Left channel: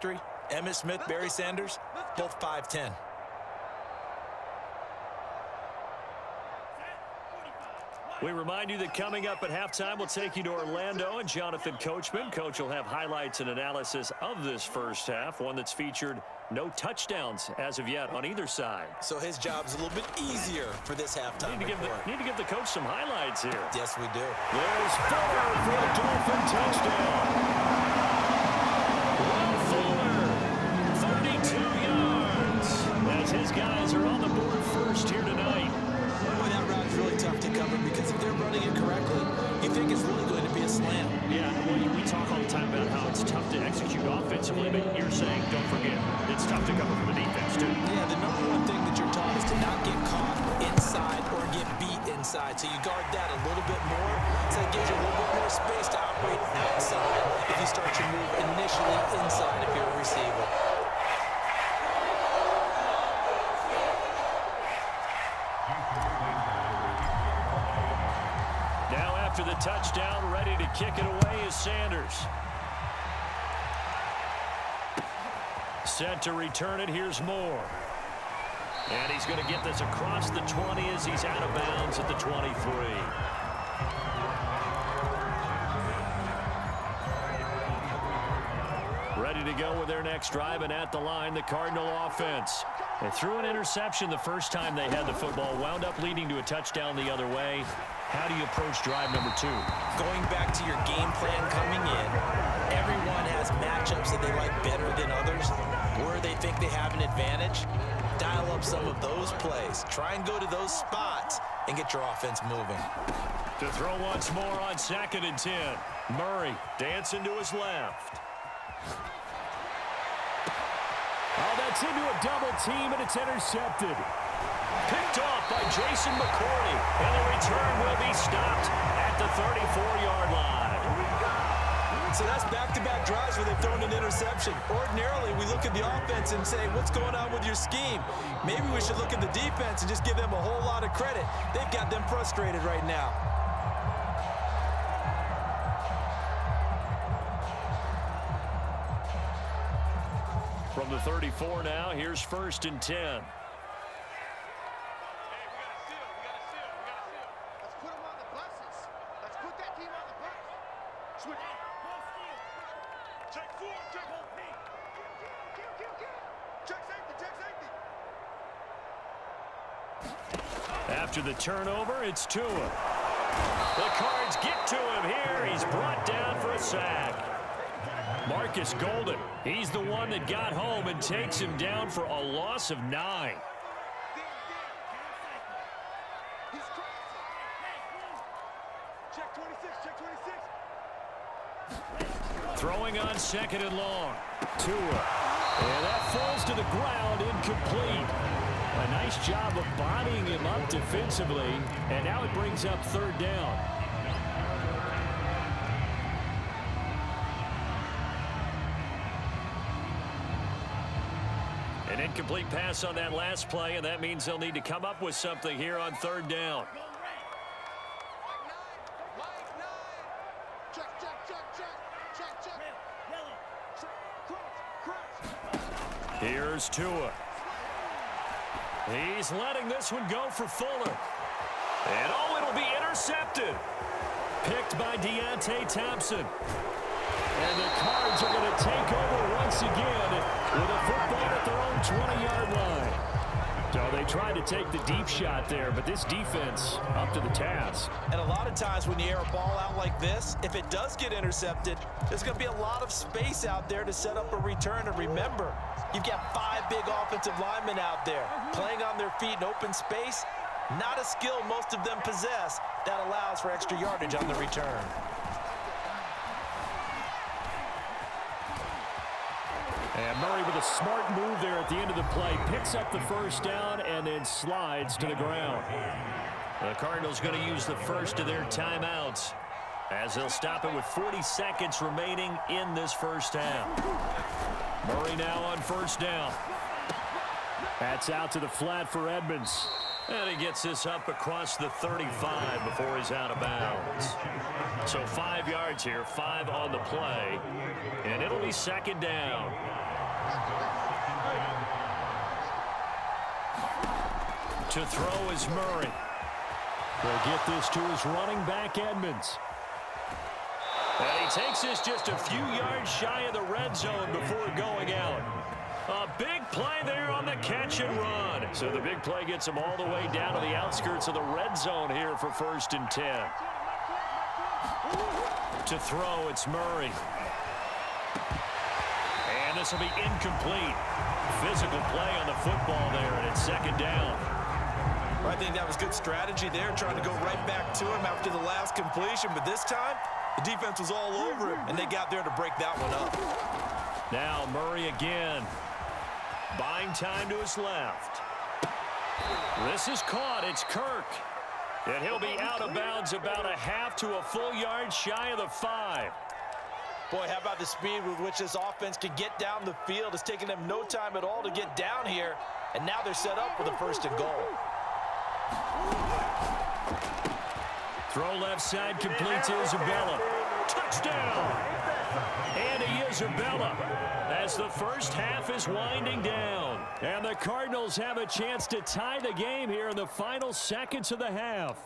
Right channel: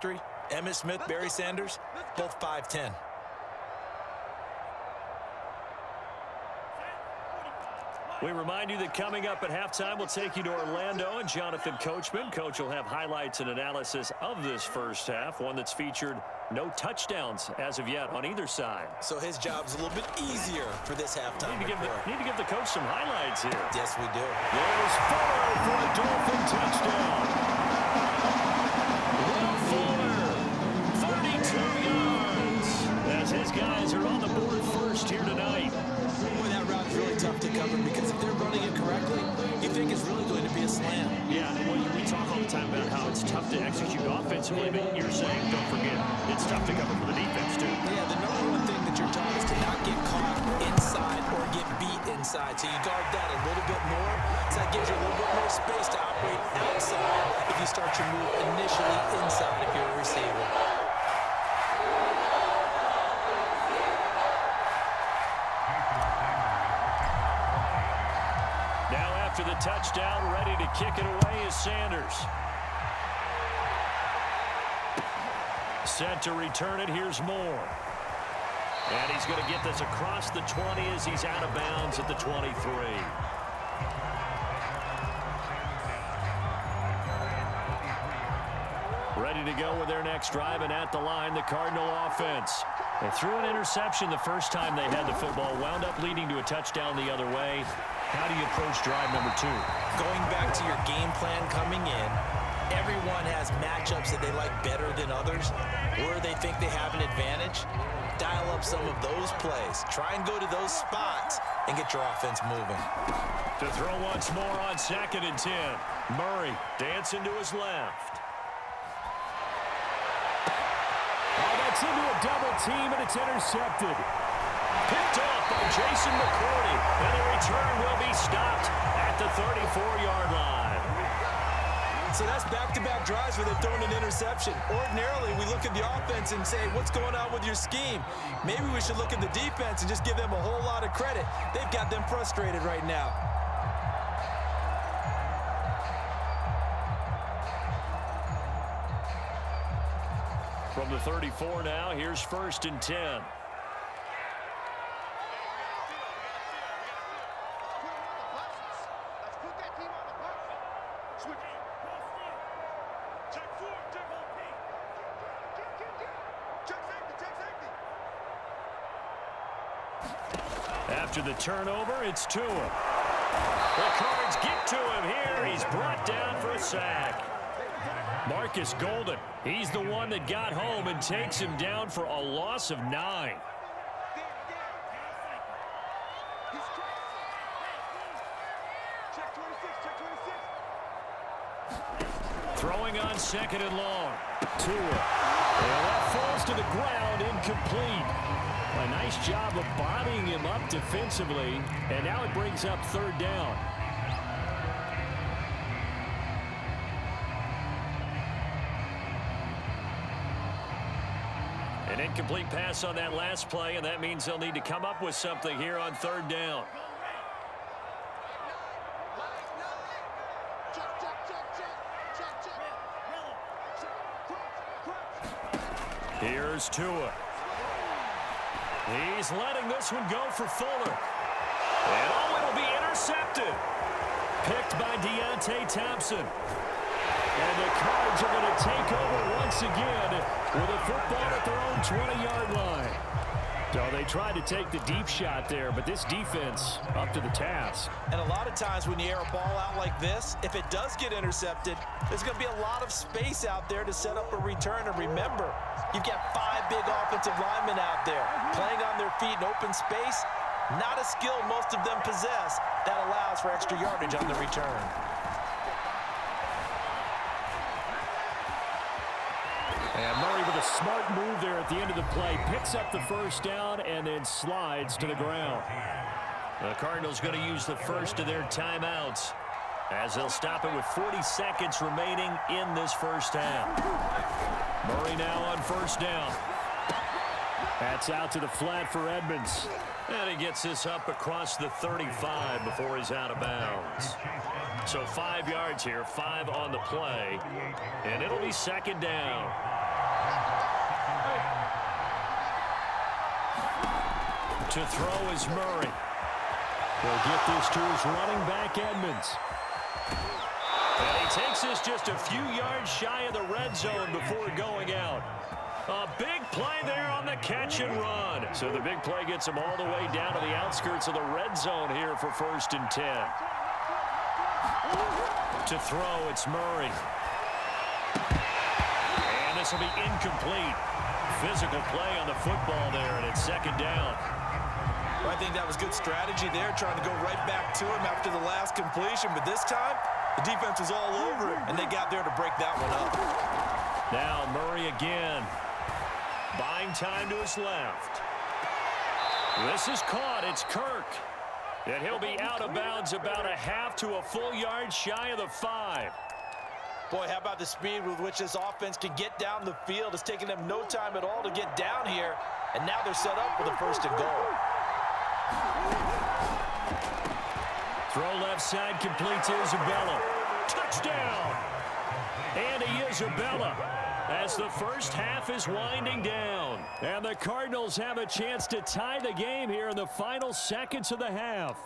Emmitt Smith, Barry Sanders, both 5'10". We remind you that coming up at halftime, we'll take you to Orlando and Jonathan Coachman. Coach will have highlights and analysis of this first half, one that's featured no touchdowns as of yet on either side. So his job's a little bit easier for this halftime report. Need to give the coach some highlights here. Yes, we do. There's Fuller for a Dolphin touchdown. Will Fuller, 32 yards, as his guys are on the board first here tonight. Boy, that route is really tough to cover because if they're running it correctly, you think it's really going to be a slam. Yeah, well, we talk all the time about how it's tough to execute offensively, but you're saying, don't forget, it's tough to cover for the defense, too. Yeah, the number one thing that you're taught is to not get caught inside or get beat inside. So you guard that a little bit more. So that gives you a little bit more space to operate outside if you start your move initially inside if you're a receiver. Now after the touchdown, ready to kick it away is Sanders. Set to return it, here's Moore. And he's going to get this across the 20 as he's out of bounds at the 23. Ready to go with their next drive, and at the line, the Cardinal offense. They threw an interception the first time they had the football, wound up leading to a touchdown the other way. How do you approach drive number 2? Going back to your game plan coming in, everyone has matchups that they like better than others, where they think they have an advantage. Dial up some of those plays. Try and go to those spots and get your offense moving. To throw once more on 2nd and 10. Murray dancing to his left. Oh, that's into a double team, and it's intercepted. Picked off by Jason McCourty, and the return will be stopped at the 34-yard line. So that's back-to-back drives where they've thrown an interception. Ordinarily, we look at the offense and say, what's going on with your scheme? Maybe we should look at the defense and just give them a whole lot of credit. They've got them frustrated right now. From the 34 now, here's 1st and 10. After the turnover, it's Tua. The Cards get to him here. He's brought down for a sack. Marcus Golden, he's the one that got home and takes him down for a loss of 9. Throwing on 2nd and long. Tua. And that falls to the ground, incomplete. A nice job of bodying him up defensively, and now it brings up 3rd down. An incomplete pass on that last play, and that means they'll need to come up with something here on 3rd down. Here's Tua. He's letting this one go for Fuller. And oh, it'll be intercepted. Picked by Deontay Thompson. And the Cards are going to take over once again with a football at their own 20-yard line. So they tried to take the deep shot there, but this defense up to the task. And a lot of times when you air a ball out like this, if it does get intercepted, there's going to be a lot of space out there to set up a return. And remember, you've got 5 big offensive linemen out there playing on their feet in open space. Not a skill most of them possess that allows for extra yardage on the return. And Murray with a smart move there at the end of the play. Picks up the 1st down and then slides to the ground. The Cardinals going to use the first of their timeouts as they'll stop it with 40 seconds remaining in this first half. Murray now on 1st down. That's out to the flat for Edmonds. And he gets this up across the 35 before he's out of bounds. So 5 yards here, 5 on the play. And it'll be 2nd down. To throw is Murray. He'll get this to his running back, Edmonds. And he takes this just a few yards shy of the red zone before going out. A big play there on the catch and run. So the big play gets him all the way down to the outskirts of the red zone here for 1st and 10. To throw, it's Murray. And this will be incomplete. Physical play on the football there, and it's 2nd down. I think that was good strategy there, trying to go right back to him after the last completion. But this time, the defense was all over him, and they got there to break that one up. Now Murray again. Buying time to his left. This is caught. It's Kirk. And he'll be out of bounds about a half to a full yard shy of the 5. Boy, how about the speed with which this offense can get down the field? It's taken them no time at all to get down here. And now they're set up with a 1st and goal. Throw left side, complete to Isabella. Touchdown! Andy Isabella, as the first half is winding down. And the Cardinals have a chance to tie the game here in the final seconds of the half.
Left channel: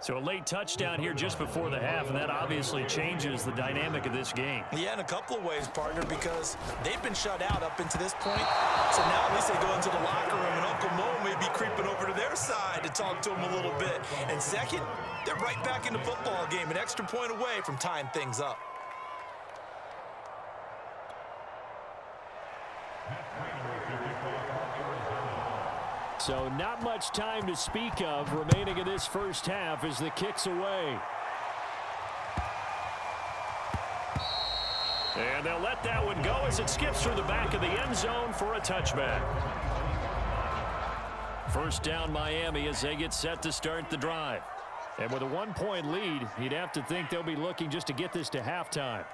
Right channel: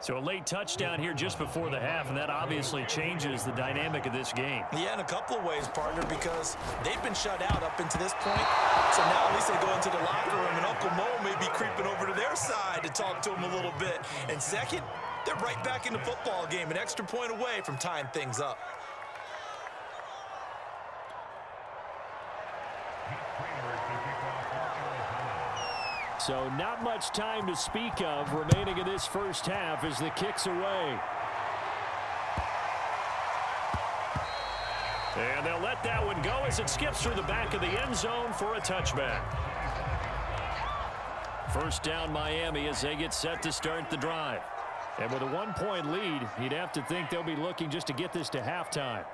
So a late touchdown here just before the half, and that obviously changes the dynamic of this game. Yeah, in a couple of ways, partner, because they've been shut out up until this point. So now at least they go into the locker room, and Uncle Mo may be creeping over to their side to talk to them a little bit. And second, they're right back in the football game, an extra point away from tying things up. So not much time to speak of remaining in this first half as the kick's away. And they'll let that one go as it skips through the back of the end zone for a touchback. 1st down Miami as they get set to start the drive. And with a 1-point lead, you'd have to think they'll be looking just to get this to halftime.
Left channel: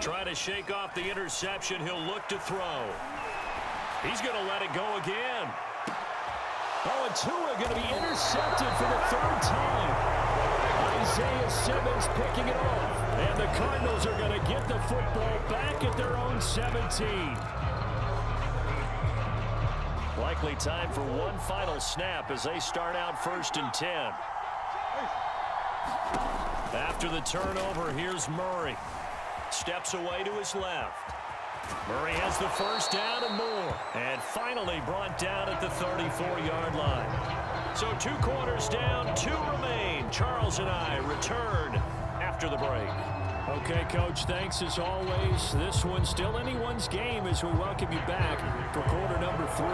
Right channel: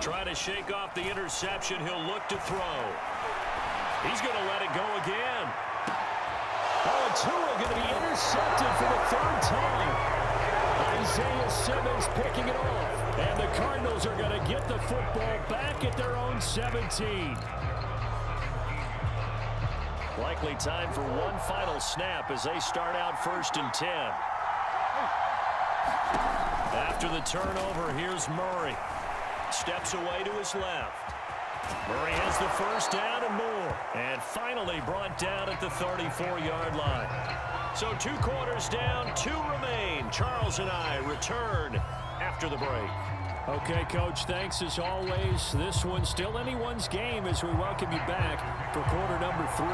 Try to shake off the interception. He'll look to throw. He's going to let it go again. Oh, and Tua going to be intercepted for the 3rd time. Isaiah Simmons picking it off. And the Cardinals are going to get the football back at their own 17. Likely time for one final snap as they start out 1st and 10. After the turnover, here's Murray. Steps away to his left. Murray has the 1st down and more. And finally brought down at the 34-yard line. So 2 quarters down, 2 remain. Charles and I return after the break. Okay, Coach, thanks as always. This one's still anyone's game as we welcome you back for quarter number 3.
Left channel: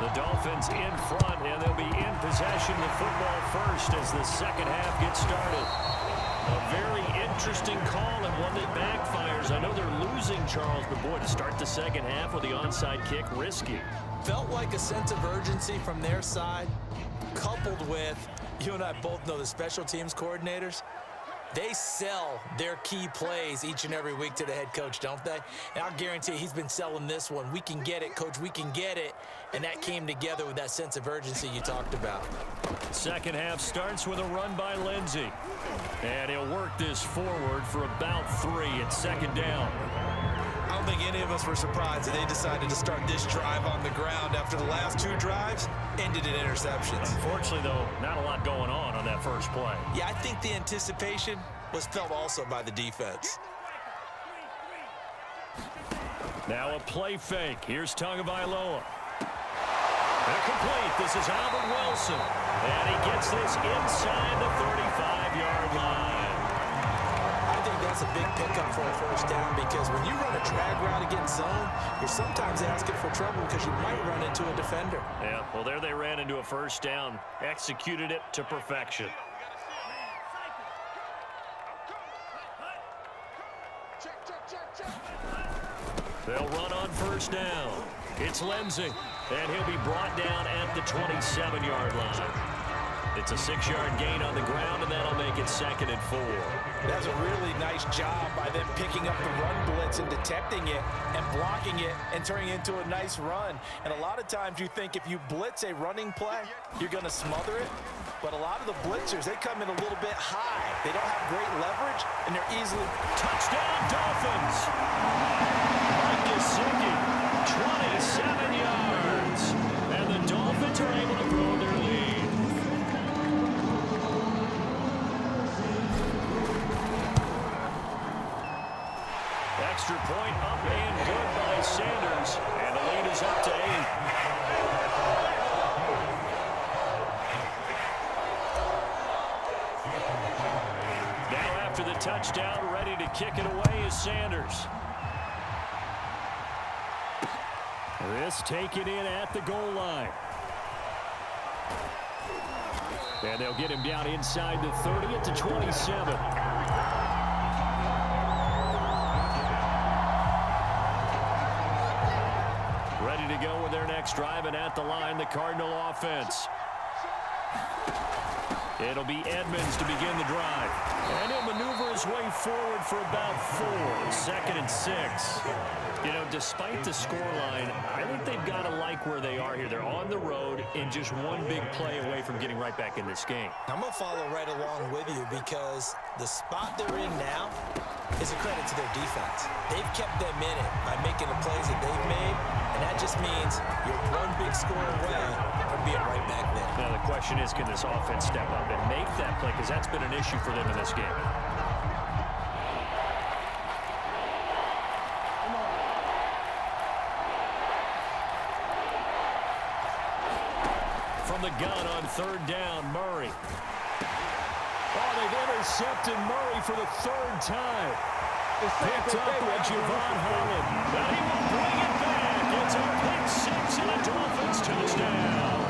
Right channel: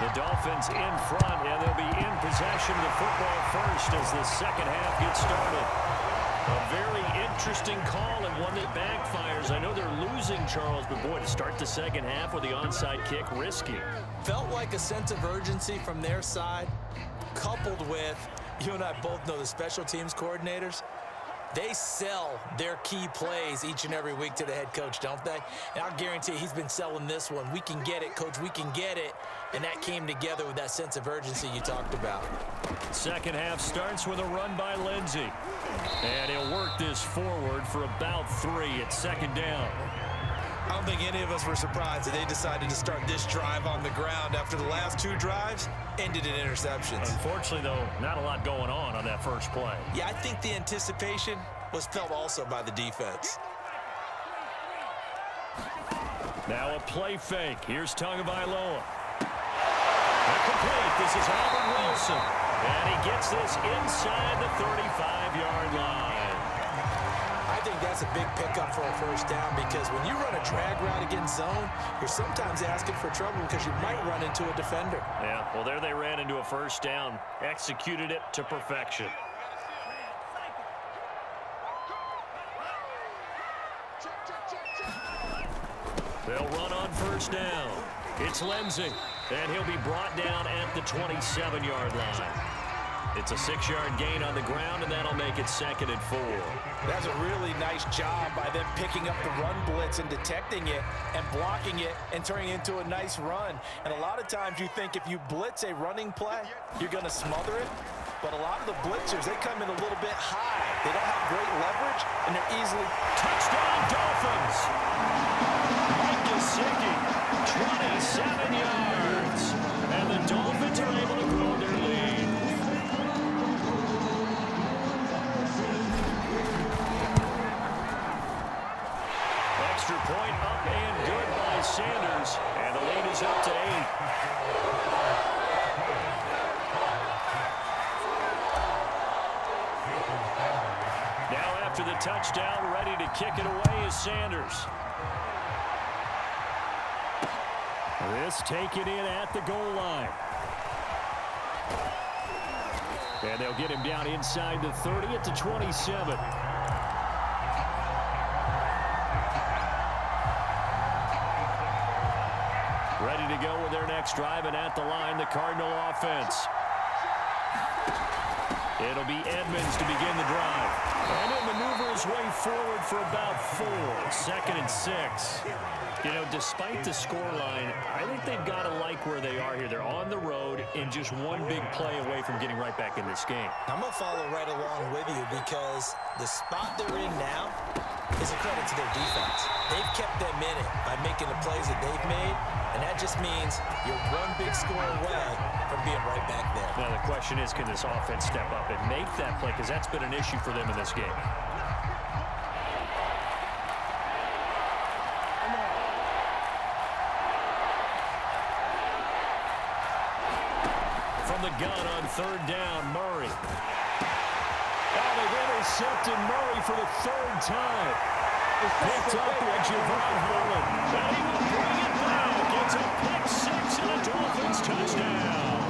The Dolphins in front, and they'll be in possession of the football first as the second half gets started. A very interesting call and one that backfires. I know they're losing, Charles, but boy, to start the second half with the onside kick, risky. Felt like a sense of urgency from their side, coupled with, you and I both know the special teams coordinators. They sell their key plays each and every week to the head coach, don't they? And I'll guarantee you he's been selling this one. We can get it, Coach. We can get it. And that came together with that sense of urgency you talked about. Second half starts with a run by Lindsey. And he'll work this forward for about 3 at 2nd down. I don't think any of us were surprised that they decided to start this drive on the ground after the last 2 drives ended in interceptions. Unfortunately, though, not a lot going on that first play. Yeah, I think the anticipation was felt also by the defense. Now a play fake. Here's Tagovailoa. Complete. This is Albert Wilson. And he gets this inside the 35-yard line. I think that's a big pickup for a 1st down because when you run a drag route against zone, you're sometimes asking for trouble because you might run into a defender. Yeah, well, there they ran into a 1st down. Executed it to perfection. They'll run on 1st down. It's Lindsey, and he'll be brought down at the 27-yard line. It's a 6-yard gain on the ground, and that'll make it 2nd and 4. That's a really nice job by them picking up the run blitz and detecting it and blocking it and turning it into a nice run. And a lot of times you think if you blitz a running play, you're going to smother it. But a lot of the blitzers, they come in a little bit high. They don't have great leverage, and they're easily... Touchdown, Dolphins! Mike Gesicki, 27 yards. And the Dolphins are able to grow their lead. Extra point up and good by Sanders. And the lead is up to 8. Now after the touchdown, ready to kick it away is Sanders. This taken in at the goal line. And they'll get him down inside the 30 at the 27. Ready to go with their next drive, and at the line, the Cardinal offense. It'll be Edmonds to begin the drive. And he'll maneuver his way forward for about 4. 2nd and 6. You know, despite the scoreline, I think they've got to like where they are here. They're on the road and just one big play away from getting right back in this game. I'm going to follow right along with you because the spot they're in now is a credit to their defense. They've kept them in it by making the plays that they've made, and that just means you're one big score away from being right back there. Now the question is, can this offense step up and make that play? Because that's been an issue for them in this game. From the gun on 3rd down, Murray. Oh, they've intercepted Murray for the 3rd time. Picked up by Javon Holland. And he will bring it back. It's a pick 6 and a Dolphins touchdown.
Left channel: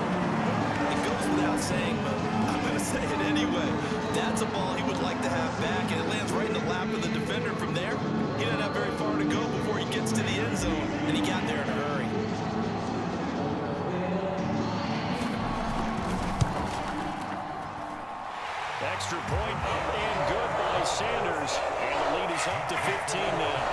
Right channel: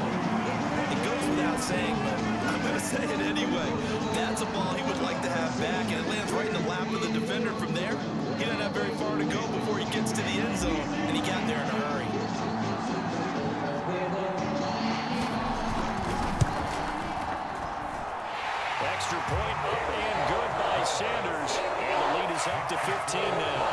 It goes without saying, but I'm going to say it anyway. That's a ball he would like to have back, and it lands right in the lap of the defender from there. He doesn't have very far to go before he gets to the end zone, and he got there in a hurry. Extra point up and good by Sanders. And the lead is up to 15 now.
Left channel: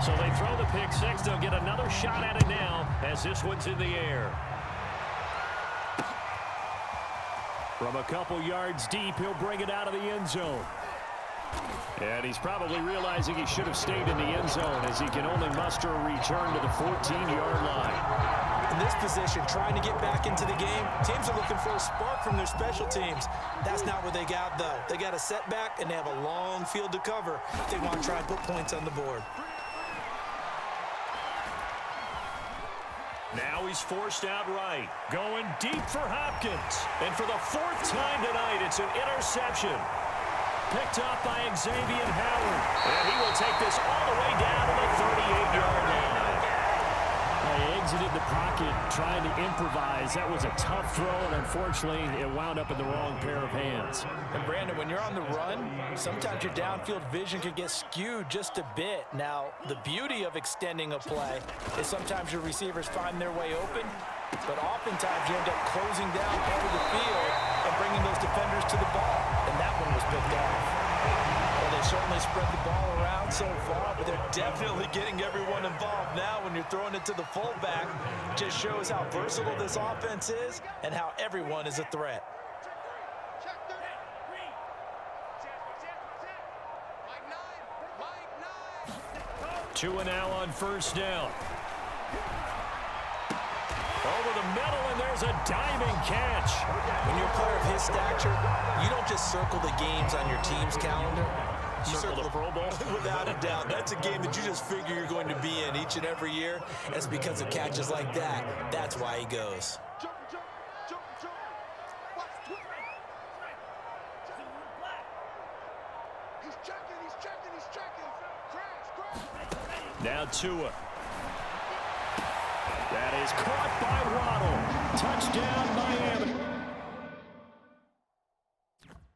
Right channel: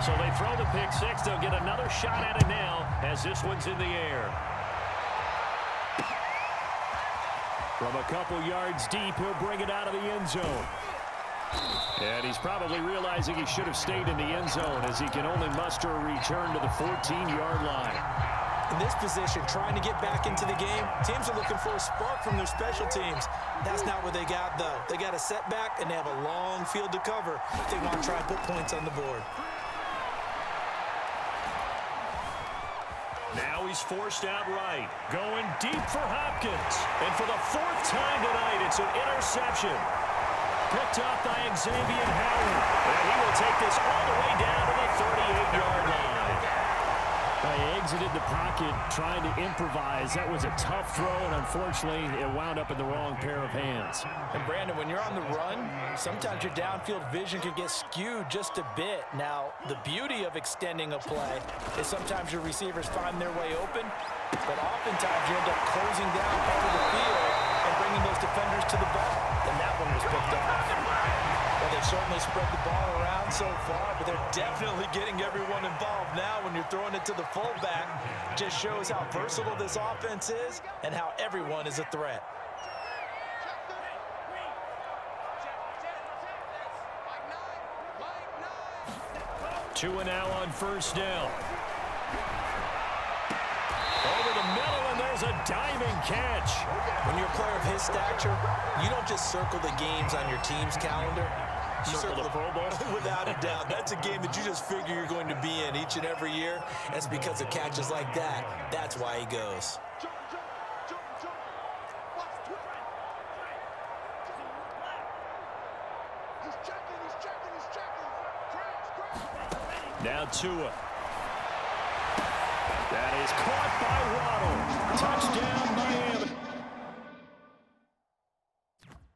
So they throw the pick 6. They'll get another shot at it now as this one's in the air. From a couple yards deep, he'll bring it out of the end zone. And he's probably realizing he should have stayed in the end zone as he can only muster a return to the 14-yard line. In this position, trying to get back into the game, teams are looking for a spark from their special teams. That's not what they got, though. They got a setback, and they have a long field to cover if they want to try and put points on the board. Now he's forced out right. Going deep for Hopkins. And for the 4th time tonight, it's an interception. Picked up by Xavier Howard. And he will take this all the way down to the 38-yard line. He exited the pocket trying to improvise. That was a tough throw, and unfortunately, it wound up in the wrong pair of hands. And, Brandon, when you're on the run, sometimes your downfield vision can get skewed just a bit. Now, the beauty of extending a play is sometimes your receivers find their way open, but oftentimes you end up closing down part of the field and bringing those defenders to the ball. And that one was picked off. Well, they certainly spread the ball around so far, but they're definitely getting everyone involved now when you're throwing it to the fullback. Just shows how versatile this offense is and how everyone is a threat. 2 and now on 1st down. Over the middle, and there's a diving catch. When you're a player of his stature, you don't just circle the games on your team's calendar. You Circle the Pro Bowl? Without a doubt. That's a game that you just figure you're going to be in each and every year. And it's because of catches like that. That's why he goes. Now Tua. That is caught by Waddle. Touchdown, Miami.